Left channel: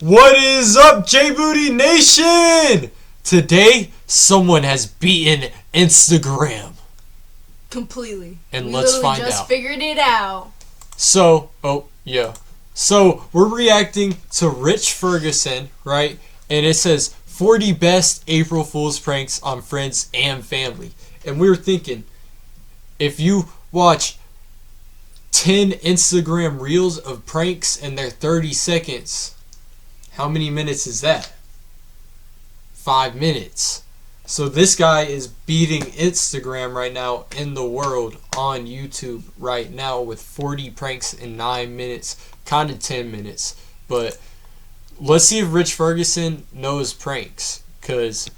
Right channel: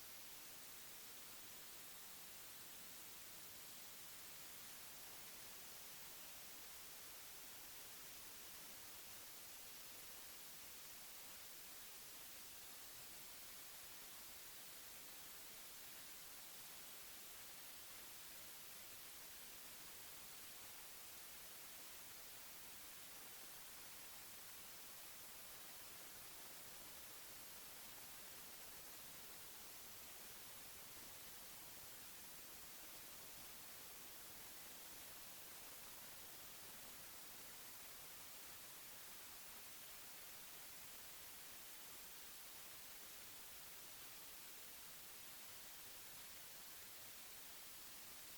What is up, Jbudy Nation? Today, someone has beaten Instagram. Completely. And we let's find just out. Figured it out. So, So, we're reacting to Rich Ferguson, right? And it says 40 best April Fool's pranks on friends and family. And we were thinking, if you watch 10 Instagram reels of pranks and they're 30 seconds, how many minutes is that? 5 minutes. So this guy is beating Instagram right now in the world on YouTube right now with 40 pranks in 9 minutes, kind of 10 minutes. But let's see if Rich Ferguson knows pranks, because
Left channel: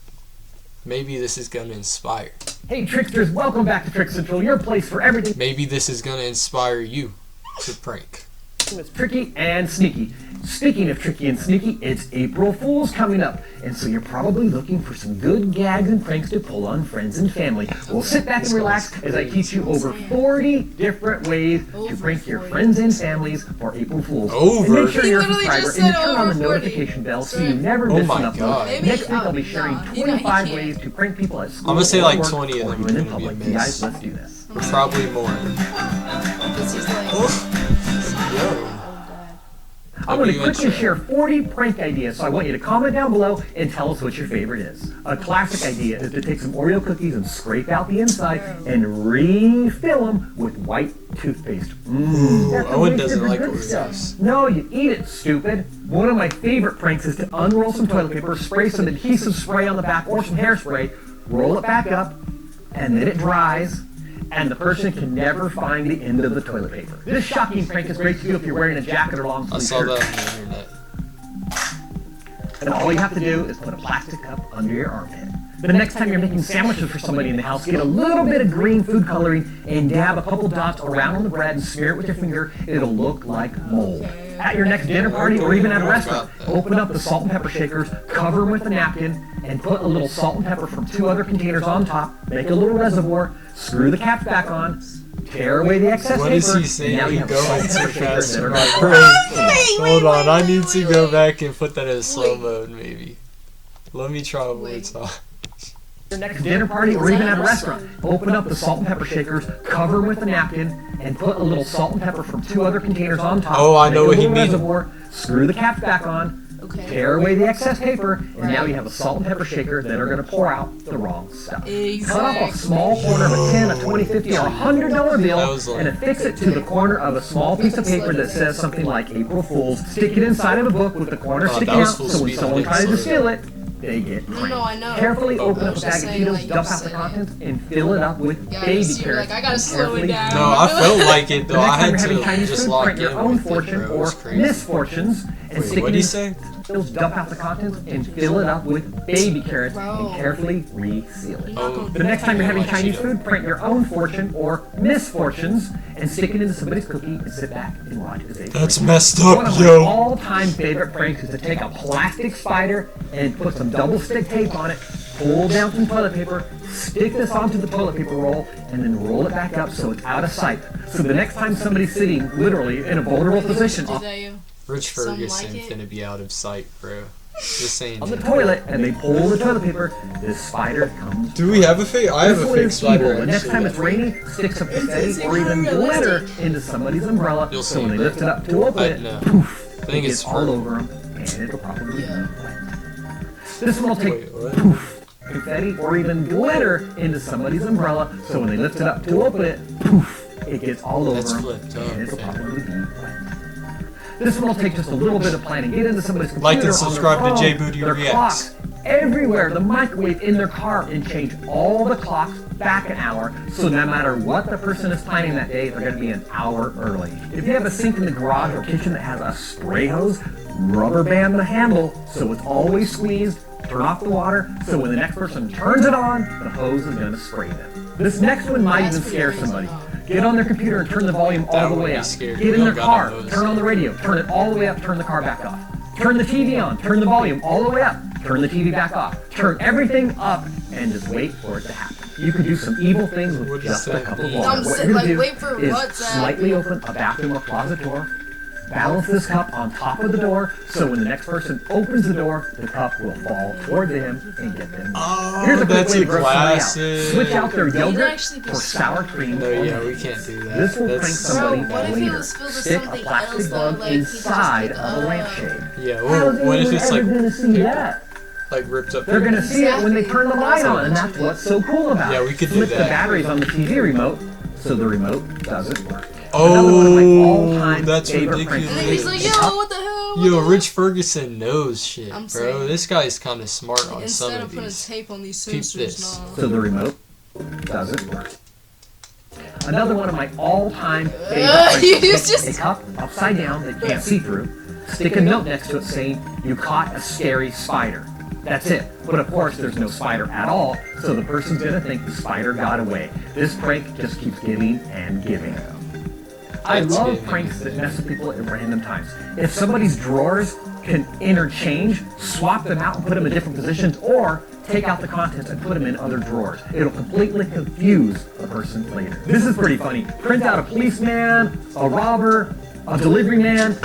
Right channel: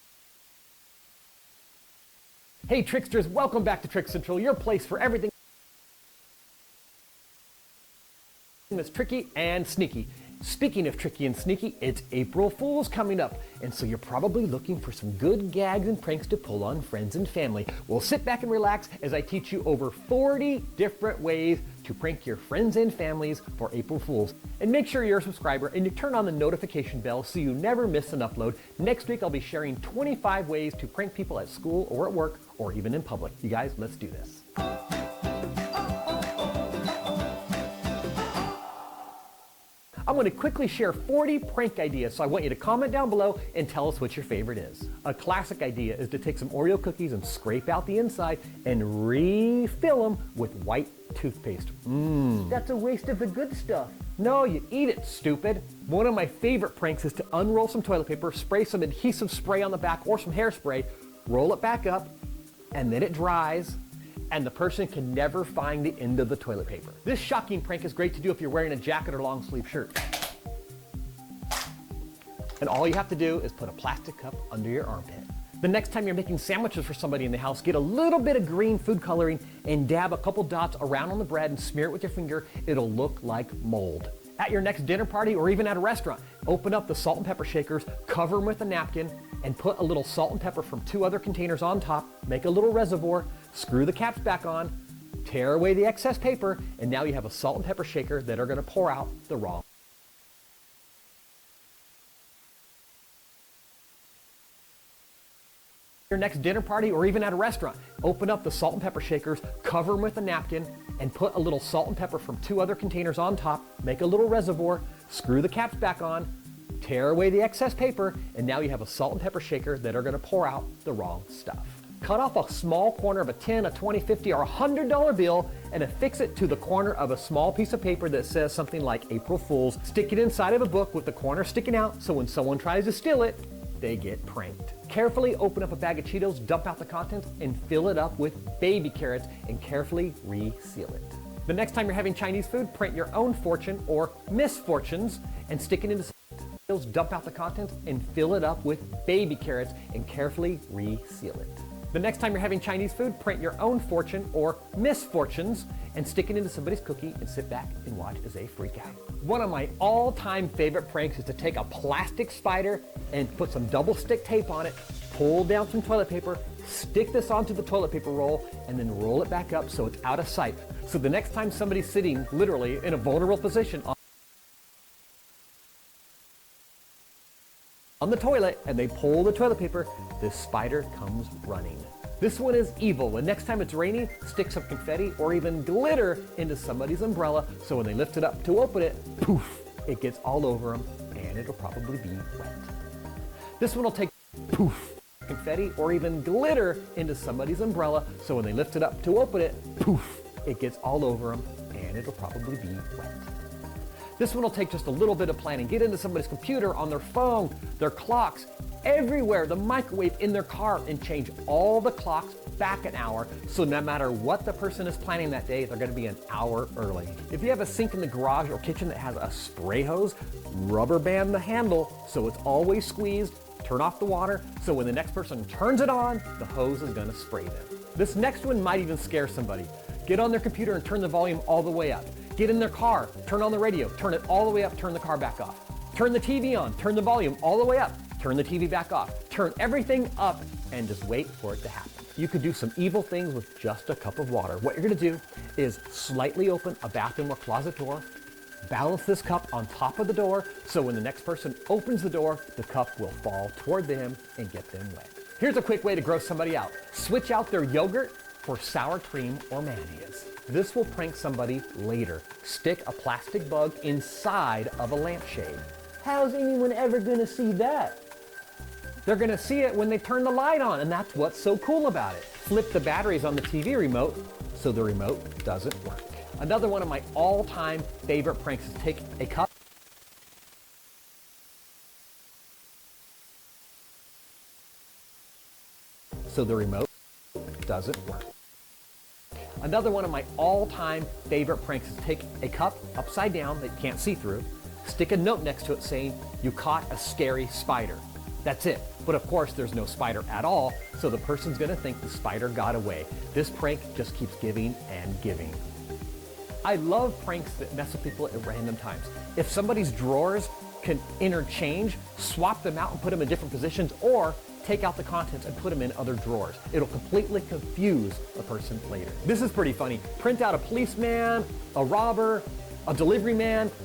maybe this is going to inspire. Hey tricksters, welcome back to Trick Central, your place for everything Maybe this is going to inspire you to prank. that's tricky and sneaky. Speaking of tricky and sneaky, it's April Fool's coming up, and so you're probably looking for some good gags and pranks to pull on friends and family. Well, sit back and relax as I teach you over 40 different ways to prank your friends and families for April Fool's. And make sure you're a subscriber and you turn on the notification bell so you never miss an upload. Next week I'll be sharing 25 ways to prank people at school. I'm gonna say or like work, 20 of or them even are in gonna be a public. miss. Guys, let's do this. Probably more. This is like. I'm going to quickly share 40 prank ideas, so I want you to comment down below and tell us what your favorite is. A classic idea is to take some Oreo cookies and scrape out the inside and refill them with white toothpaste. That's Owen a doesn't like good Oreos. stuff. No, you eat it, stupid. One of my favorite pranks is to unroll some toilet paper, spray some adhesive spray on the back or some hairspray, roll it back up, and then it dries, and the person can never find the end of the toilet paper. This shocking prank is great to do if you're wearing a jacket or long I sleeve saw shirt. that on the internet. And all you have to do is put a plastic cup under your armpit. The next time you're making sandwiches for somebody in the house, get a little bit of green food coloring and dab a couple dots around the bread and smear it with your finger. It'll look like mold. At your next dinner party or even at a restaurant, open up the salt and pepper shakers, cover them with a napkin, and put a little salt and pepper from 2 other containers on top, make a little reservoir, screw the caps back on, tear away the excess What paper, is he saying? and now you have Go salt and into pepper shakers faster. that are Right, going Hold on, I need to go wait. back and put that in slow Wait. mode, maybe. Let me try one more Wait. time. Your next dinner party or even at a restaurant, open up the salt and pepper shakers, cover them with a napkin, and put a little salt and pepper from 2 other containers on top. Oh, I know make what a he little means. reservoir, screw the caps back on, tear away the excess paper, and now you have a salt and pepper shaker that are going to pour out the wrong stuff. Cut off a small corner of a 10, a 20, 50, or $100 That bill was like- and affix it to the corner of a small piece of paper that says something like April Fool's. Stick it inside of a book with the corner Oh, sticking that out was full so when speed. someone I tries to didn't see steal it, they get No, pranked. I know. Carefully open I up was a bag just of saying, Cheetos, like, dump you out the said. contents, and fill it up with Yeah, baby so you're carrots. like, I gotta and slow it carefully down. No, I felt like it The though. next I time had you're having to Chinese just food, lock print in your own with it, fortune bro. It or was crazy. misfortunes and Wait, stick what'd it he in say? those, dump out the contents and fill it up with baby carrots and Bro. carefully reseal it. Oh, The next time you're having Cheeto. Chinese food, print your own fortune or misfortunes and stick it into somebody's cookie and sit back and watch as they That's messed One up, of my yo. all-time favorite pranks is to take a plastic spider and put some double stick tape on it, pull down some toilet paper, stick this onto the toilet paper roll, and then roll it back up so it's out of sight. So the next time somebody's sitting literally in a vulnerable position Is that you? Rich Some Ferguson like it. finna be out of sight, bro. Just saying. on the toilet and they pull the toilet paper, this spider comes. Do we have a fake? I have This a one fake is evil. spider. The next time it's raining, stick some confetti or even glitter into somebody's umbrella You'll so see. when they lift it up to open it, No. poof, I think it it's gets all purple. over them and it'll probably be wet. This one will take Wait, what? poof, confetti or even glitter into somebody's umbrella so when they lift it up to open it, poof, it gets all over That's them flipped and it'll up. probably be wet. This one will take just a little bit of planning. Get into somebody's computer, Like and on subscribe their to phone, Jbudy their Reacts. clock, everywhere, the microwave, in their car, and change all the clocks back an hour. So no matter what the person is planning that day, they're going to be an hour early. If you have a sink in the garage or kitchen that has a spray hose, rubber band the handle so it's always squeezed. Turn off the water so when the next person turns it on, the hose is going to spray them. This next one might even scare somebody. Get on their computer and turn the volume all That the would way be up. scary. Get in their Oh, God, car, I know this. turn on the radio, turn it all the way up, turn the car back off. Turn the TV on, turn the volume all the way up, turn the TV back off. Turn everything up and just wait for it to happen. You can do some evil things with What'd just you a say? cup of I'm water. What saying, you're like, gonna wait for do is what, Zach? slightly open a bathroom or closet door, balance this cup on top of the door, so when the next person opens the door, the cup will fall toward them and get them. Oh, Here's a quick that's way to a gross somebody out. classic. Switch out their yogurt actually for be sour cream. No, or yeah, we mayonnaise. can't do that. This will That's prank somebody Bro, what if it later. was filled with Stick a something plastic else, bug though, like, you inside just of a pick lampshade. Yeah, How well, are what they if it's ever like gonna see that? like ripped up? They're gonna see it when they turn the light on, and that's what's so cool about it. Yeah, we could do Flip the that. batteries on the TV remote, so the remote doesn't work. Another one of my Oh, all-time that's favorite pranks. And then he's like, yo, what the hell? What Yo, the Rich Ferguson knows shit, I'm bro. saying. This guy's kind of smart hell? on some Instead of of putting these. tape on these Peep sensors, this. So the remote doesn't work. Another one of my all-time favorite pranks you is just- a cup upside down that you can't see through. Stick a note next to it saying, "You caught a scary spider." That's it. But of course, there's no spider at all, so the person's gonna think the spider got away. This prank just keeps giving and giving. I That's love it. pranks that mess with people at random times. If somebody's drawers can interchange, swap them out and put them in different positions, or take out the contents and put them in other drawers. It'll completely confuse a person later. This is pretty funny. Print out a policeman, a robber, a delivery man,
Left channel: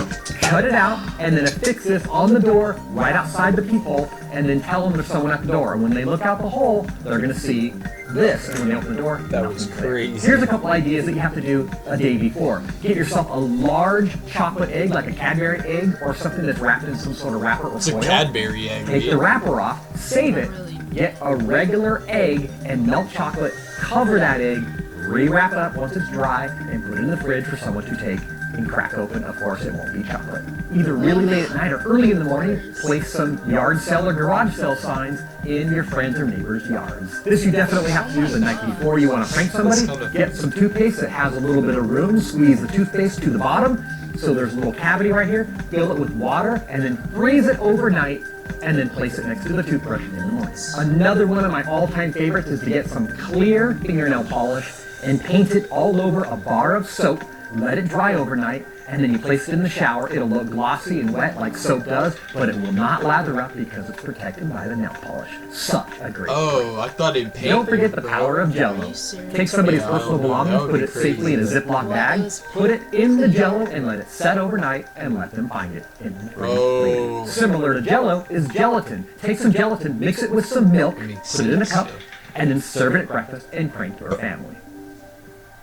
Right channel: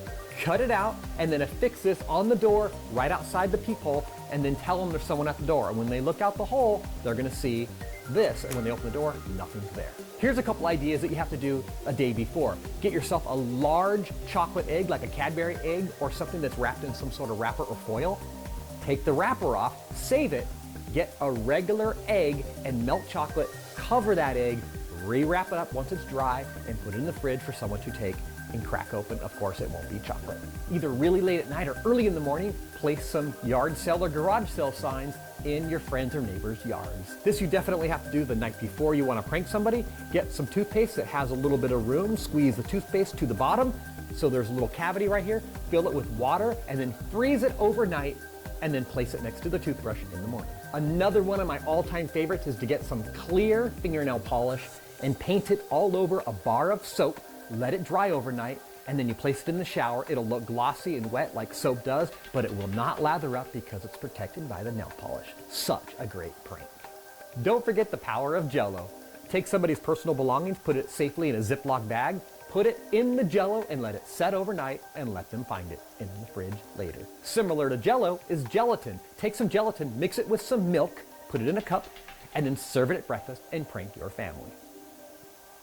cut it out, and then affix this on the door right outside the peephole, and then tell them there's someone at the door. And when they look out the hole, they're gonna see this, and when they open the door, That was nothing's there. crazy. Here's a couple ideas that you have to do a day before. Get yourself a large chocolate egg, like a Cadbury egg, or something that's wrapped in some sort of wrapper or It's a foil. Cadbury egg. Take the dude. wrapper off, save it, get a regular egg and melt chocolate, cover that egg, rewrap it up once it's dry, and put it in the fridge for someone to take and crack open. Of course, it won't be chocolate. Either really late at night or early in the morning, place some yard sale or garage sale signs in your friends or neighbors' yards. This you definitely have to do the night before you want to prank somebody. Get some toothpaste that has a little bit of room, squeeze the toothpaste to the bottom, so there's a little cavity right here, fill it with water, and then freeze it overnight, and then place it next to the toothbrush in the morning. Another one of my all-time favorites is to get some clear fingernail polish and paint it all over a bar of soap, let it dry overnight, and then you place it in the shower. It'll look glossy and wet like soap does, but it will not lather up because it's protected by the nail polish. Such a great Oh, I thought it paint. Don't forget the power of Jell-O. Take somebody's personal belongings, put it safely in a Ziploc bag, put it in the Jell-O, and let it set overnight, and let them find it in the fridge. Oh. Similar to Jell-O is gelatin. Take some gelatin, mix it with some milk, Makes put it in a sense, cup, yeah. and then serve it at breakfast and prank your family.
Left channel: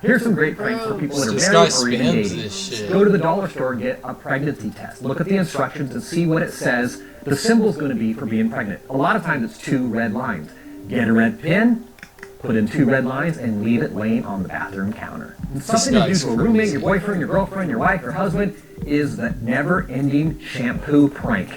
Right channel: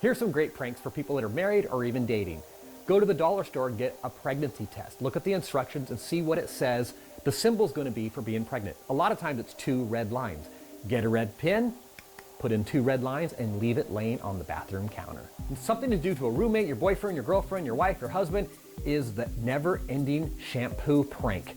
Here's some great pranks for people that are This married guy or spams engaged. this shit. Go to the dollar store, get a pregnancy test. Look at the instructions and see what it says the symbol's going to be for being pregnant. A lot of times it's 2 red lines. Get a red pin, put in 2 red lines, and leave it laying on the bathroom counter. And something to do to a roommate, your boyfriend, your girlfriend, your wife, your husband is the never-ending shampoo prank.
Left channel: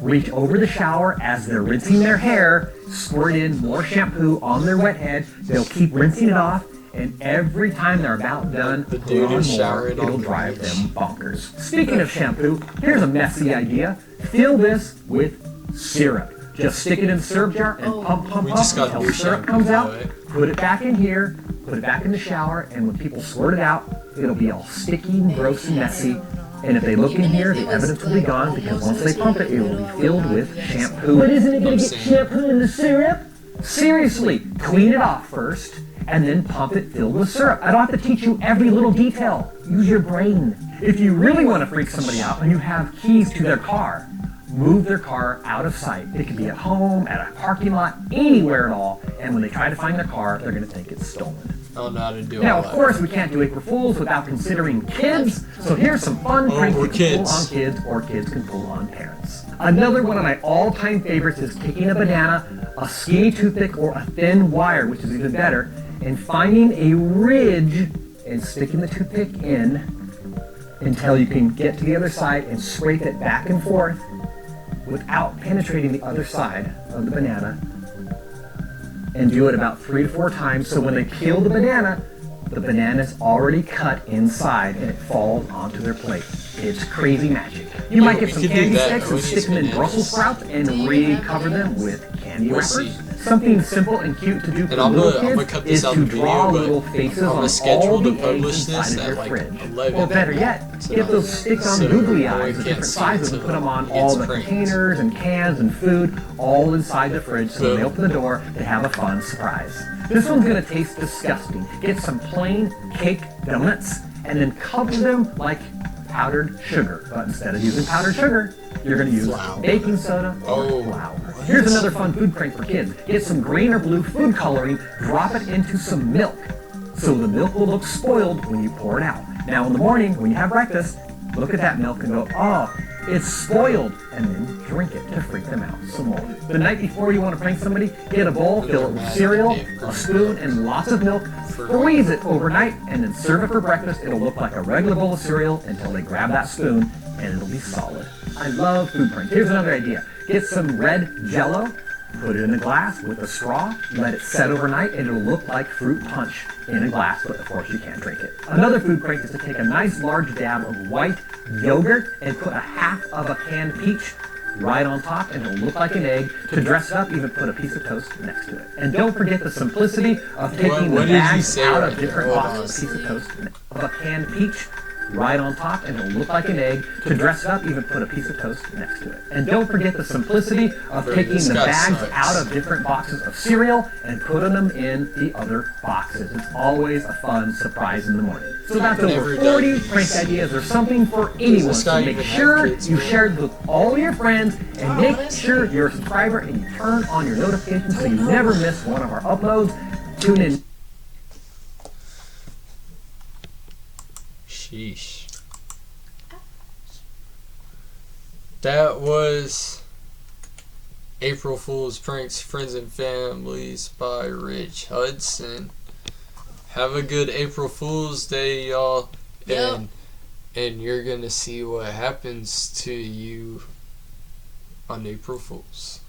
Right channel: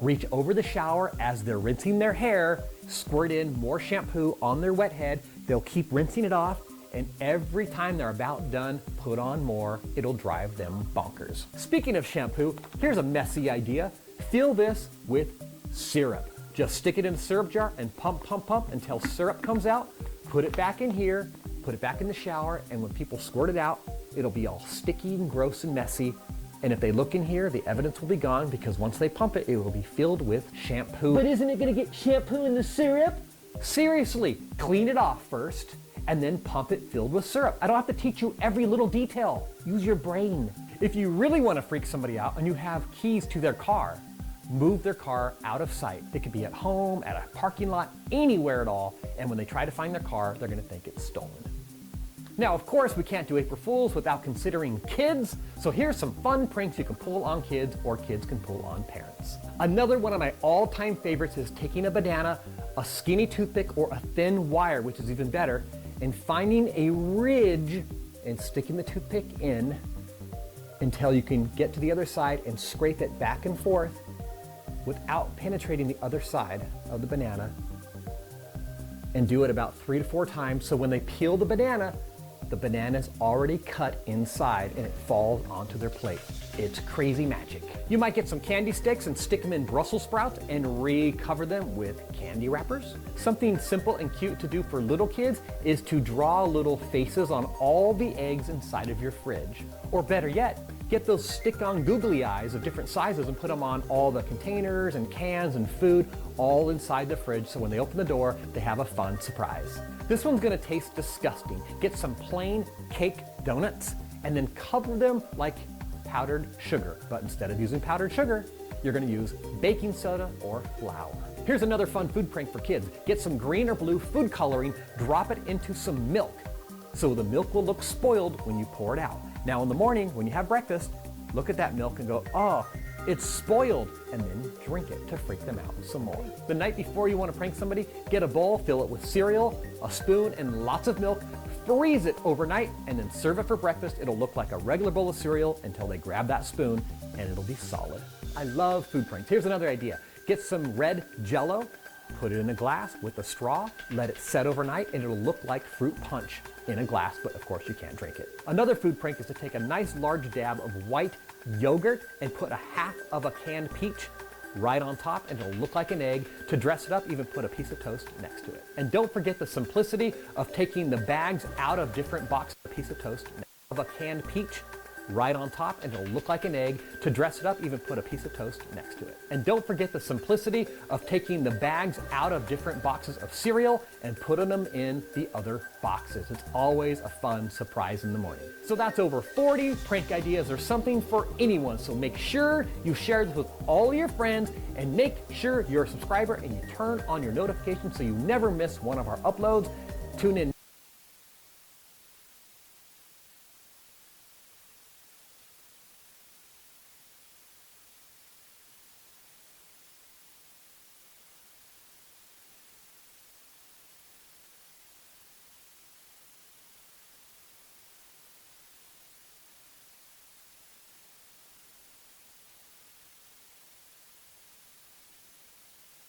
Reach over the shower as they're rinsing their hair, squirt in more shampoo on their wet head. They'll keep rinsing it off, and every time they're about done, The put dude on is more. showering It'll on drive them bonkers. Speaking of shampoo, here's a messy idea. Fill this with syrup. Just stick it in the syrup jar and pump We just got until new syrup shampoo, comes by out. the way. Put it back in here, put it back in the shower, and when people squirt it out, it'll be all sticky and gross and messy. And if they look in here, the evidence will be gone because once they pump it, it will be filled with shampoo. But isn't it going to get shampoo in the syrup? Seriously, clean it off first, and then pump it filled with syrup. I don't have to teach you every little detail. Use your brain. If you really want to freak somebody out and you have keys to their car, move their car out of sight. It could be at home, at a parking lot, anywhere at all. And when they try to find their car, they're going to think it's stolen. I don't know how to do Now, all of that. course, we can't do April Fools without considering kids. So here's some fun pranks or you can pull kids. on kids, or kids can pull on parents. Another one of my all-time favorites is taking a banana, a skinny toothpick, or a thin wire, which is even better, and finding a ridge and sticking the toothpick in until you can get to the other side and scrape it back and forth without penetrating the other side of the banana, and do it about 3 or 4 times, so when they peel the banana's already cut inside and it falls onto their plate. It's crazy magic. You might get some We could do candy that. sticks and Let's stick just them in do Brussels this. sprouts and recover them with candy We'll wrappers. see. Something simple and cute to do for And I'm little gonna kids cut is this out to of the draw video, little but faces I'm on gonna all schedule the to eggs publish inside this of your at like fridge. 11. Or better yet, get those stick-on So googly no eyes one of can different see sizes it and put them on till all it's the pranked. containers and cans and food all inside the fridge, so when they Boom. open the door, they have a fun surprise. This one's gonna taste disgusting. Get some plain cake donuts and then cover them like powdered sugar. But instead of using powdered sugar, you're going to use baking soda or flour. Here's another fun food prank for kids. Get some green or blue food coloring, drop it into some milk. So the milk will look spoiled when you pour it out. Now in the morning, when you have breakfast, look at that milk and go, oh, it's spoiled, and then drink it to freak them out some more. The night before you want to prank somebody, get a bowl, fill it with cereal, a spoon, and lots of milk, freeze it overnight, and then serve it for breakfast. It'll look like a regular bowl of cereal until they grab that spoon, and it'll be solid. I love food pranks. Here's another idea. Get some red Jell-O, put it in a glass with a straw, let it set overnight, and it'll look like fruit punch in a glass, but of course you can't drink it. Another food prank is to take a nice large dab of white yogurt and put a half of a canned peach right on top, and it'll look like an egg. To dress it up, even put a piece of toast next to it. And don't forget the simplicity of taking the bags out of different boxes. A piece of toast of a canned peach right on top, and it'll look like an egg. To dress it up, even put a piece of toast next to it. And don't forget the simplicity of taking the bags out of different boxes of cereal and putting them in the other boxes. It's always a fun surprise in the morning. So that's over 40 prank ideas or something for anyone. So make sure you share it with all your friends, and make sure you're a subscriber and you turn on your notifications so you never miss one of our uploads. Tune in. Sheesh. That was April Fool's Pranks, Friends and Families by Rich Hudson. Have a good April Fool's Day, y'all. Yep. And you're gonna see what happens to you on April Fool's.